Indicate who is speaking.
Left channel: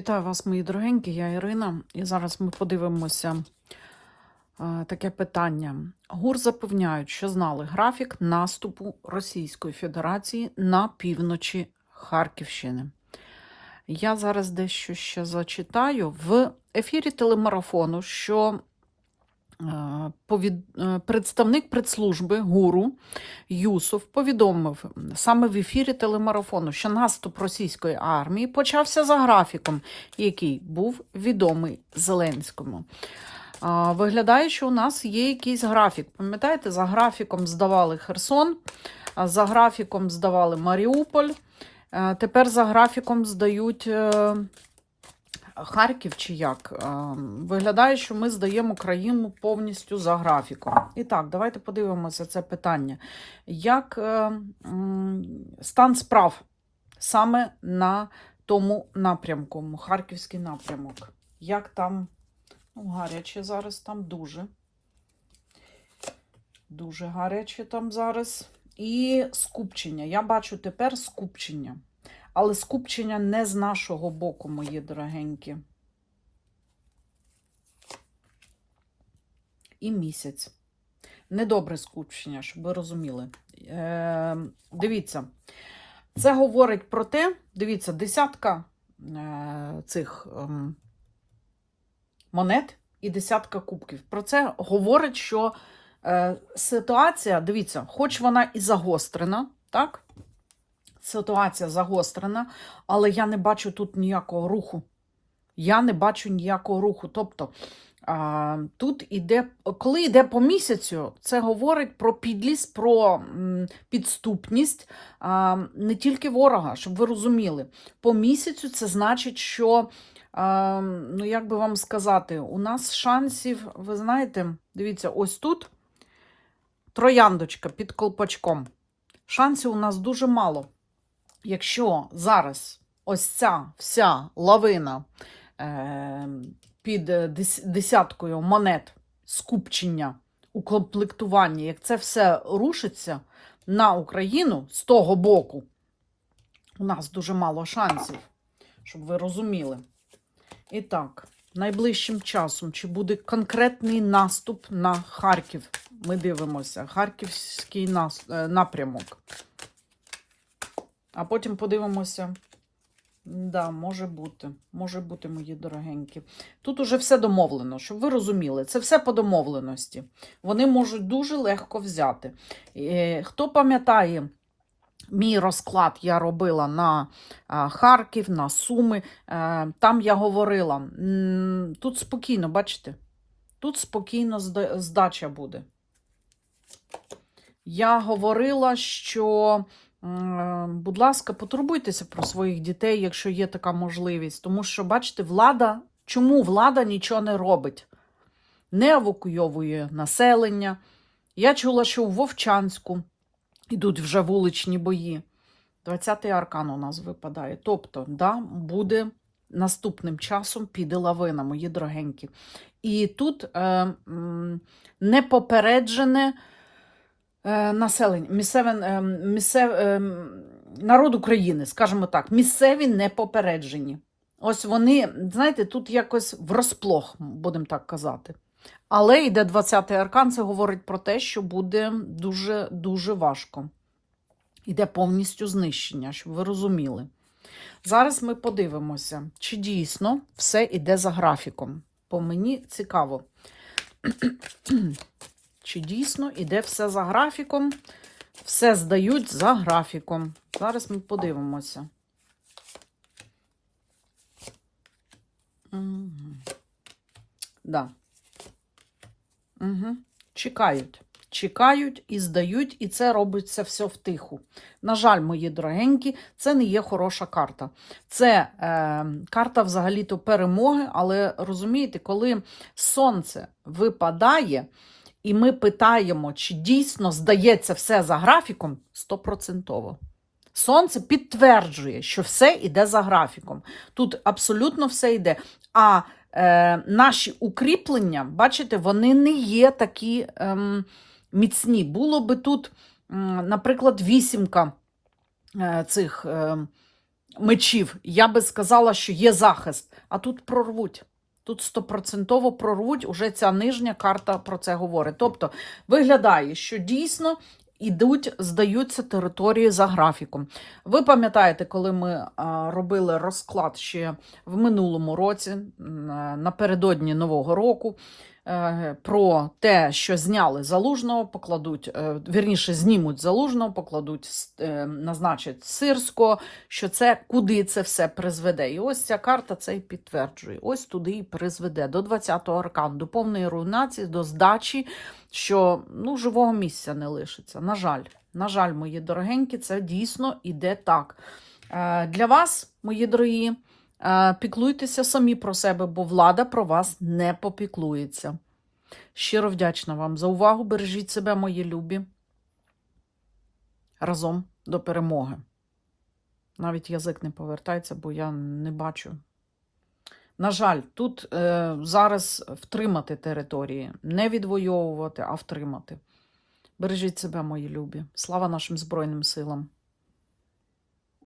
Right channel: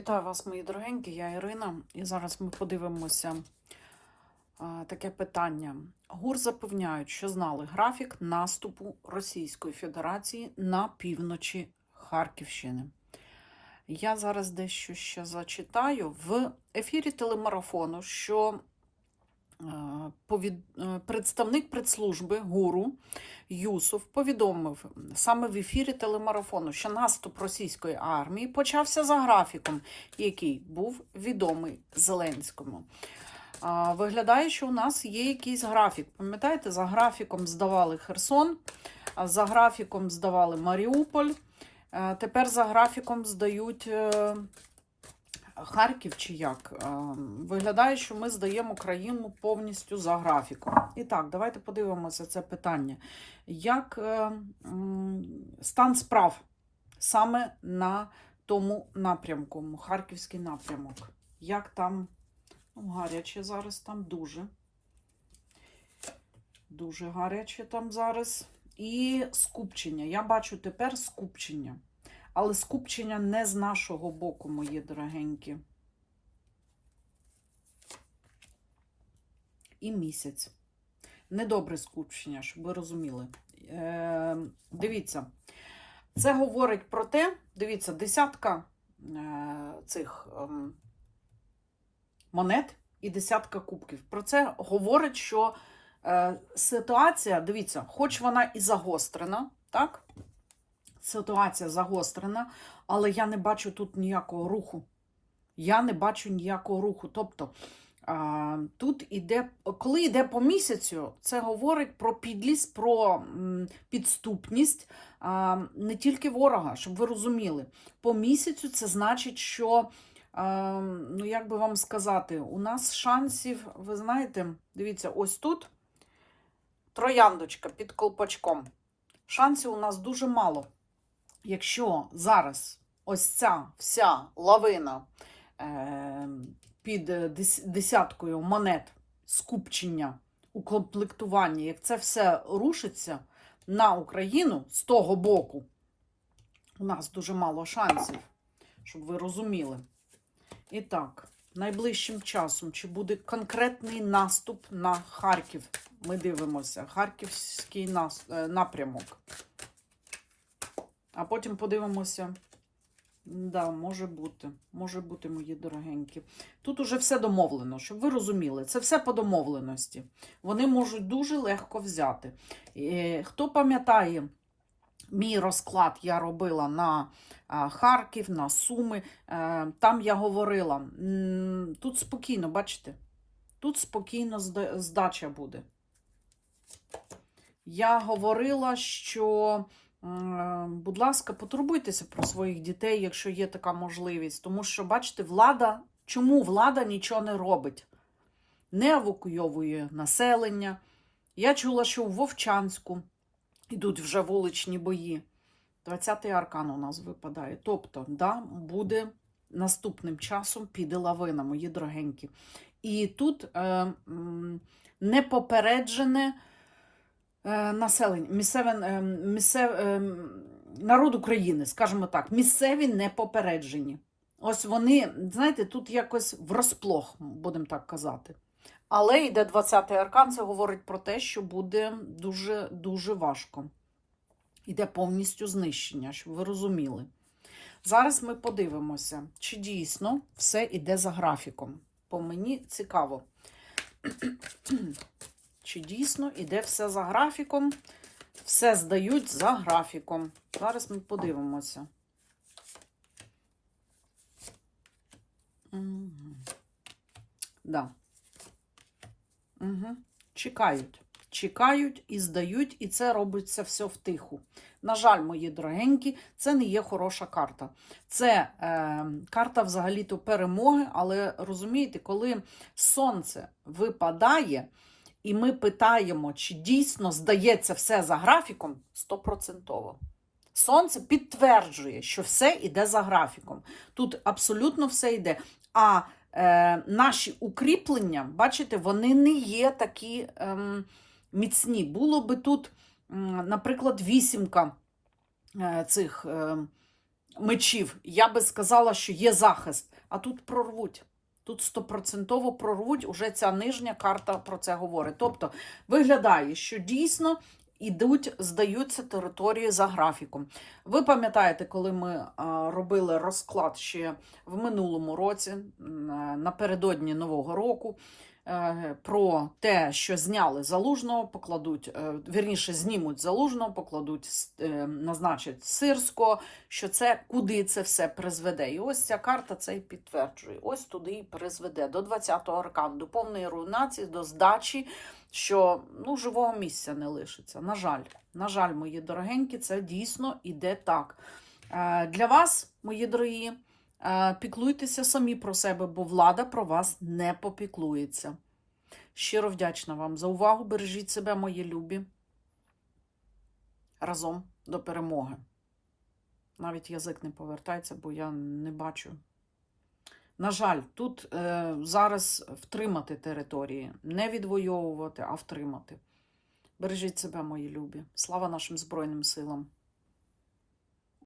Speaker 1: Вітаю вас, мої дорогенькі, я Ірина, і зараз ми подивимося е, таке питання. ГУР запевняють, що знали графік наступу Російської Федерації на півночі Харківщини. Я зараз дещо ще зачитаю в ефірі телемарафону, що представник прес-служби ГУРу Юсов повідомив саме в ефірі телемарафону, що наступ російської армії почався за графіком, який був відомий Зеленському. Виглядає, що у нас є якийсь графік. Пам'ятаєте, за графіком здавали Херсон, за графіком здавали Маріуполь. е, Тепер за графіком здають е, Харків чи як. Е, Виглядає, що ми здаємо країну повністю за графіком. І так, давайте подивимося це питання. Як е, стан справ саме на тому напрямку, Харківський напрямок? Як там ну, гаряче зараз там дуже. Дуже гаряче там зараз. І скупчення. Я бачу тепер скупчення. Але скупчення не з нашого боку, мої дорогенькі. І місяць. Недобре скупчення, щоб ви розуміли. Е, дивіться, це говорить про те, дивіться, десятка е, цих е, монет і десятка кубків. Про це говорить, що е, ситуація, дивіться, хоч вона і загострена, так? Ситуація загострена, але я не бачу тут ніякого руху. Я не бачу ніякого руху. Тобто, тут іде, коли йде по місяцю, це говорить про підлість, про підступність не тільки ворога, щоб ви розуміли. По місяцю це значить, що, ну як би вам сказати, у нас шансів, ви знаєте, дивіться, ось тут трояндочка під колпачком. Шансів у нас дуже мало. Якщо зараз ось ця вся лавина е, під е, десяткою монет скупчення у комплектуванні, як це все рушиться на Україну з того боку, у нас дуже мало шансів, щоб ви розуміли. І так, найближчим часом, чи буде конкретний наступ на Харків? Ми дивимося. Харківський е, напрямок. А потім подивимося. Да, може бути, може бути, мої дорогенькі. Тут уже все домовлено, щоб ви розуміли, це все по домовленості. Вони можуть дуже легко взяти. Е, Хто пам'ятає, мій розклад я робила на Харків, на Суми. Е, Там я говорила, тут спокійно, бачите? Тут спокійно здача буде. Я говорила, що Будь ласка, потурбуйтеся про своїх дітей, якщо є така можливість. Тому що, бачите, влада, чому влада нічого не робить? Не евакуйовує населення. Я чула, що у Вовчанську йдуть вже вуличні бої. 20-й аркан у нас випадає. Тобто, да, буде наступним часом піде лавина, мої дорогенькі. І тут е, м, непопереджене е, населення, місцеве, е, місцев, е, народ України, скажімо так, місцеві не попереджені. Ось вони, знаєте, тут якось врозплох, будемо так казати. Але йде 20-й аркан, це говорить про те, що буде дуже-дуже важко. Йде повністю знищення, щоб ви розуміли. Зараз ми подивимося, чи дійсно все йде за графіком. По мені цікаво. Чи дійсно іде все за графіком? Все здають за графіком. Зараз ми подивимося. Угу. Да. Угу. Чекають. Чекають і здають, і це робиться все втиху. На жаль, мої дорогенькі, це не є хороша карта. Це е, карта взагалі-то перемоги, але розумієте, коли сонце випадає, і ми питаємо, чи дійсно здається все за графіком, стопроцентово. Сонце підтверджує, що все йде за графіком. Тут абсолютно все йде. А е, наші укріплення, бачите, вони не є такі ем, міцні. Було би тут, м, наприклад, вісімка е, цих. ем, мечів, я би сказала, що є захист, а тут прорвуть. Тут стопроцентово прорвуть, уже ця нижня карта про це говорить. Тобто виглядає, що дійсно ідуть, здаються території за графіком. Ви пам'ятаєте, коли ми робили розклад ще в минулому році, напередодні Нового року, про те, що зняли залужного, покладуть, е, вірніше, знімуть залужного, покладуть, е, назначать сирського, що це куди це все призведе. І ось ця карта це і підтверджує. Ось туди і призведе до 20-го аркану, до повної руйнації, до здачі, що ну, живого місця не лишиться. На жаль, на жаль, мої дорогенькі, це дійсно іде так. Е, Для вас, мої дорогі, е, піклуйтеся самі про себе, бо влада про вас не попіклується. Щиро вдячна вам за увагу. Бережіть себе, мої любі. Разом до перемоги. Навіть язик не повертається, бо я не бачу. На жаль, тут е, зараз втримати території, не відвоювати, а втримати. Бережіть себе, мої любі. Слава нашим Збройним силам!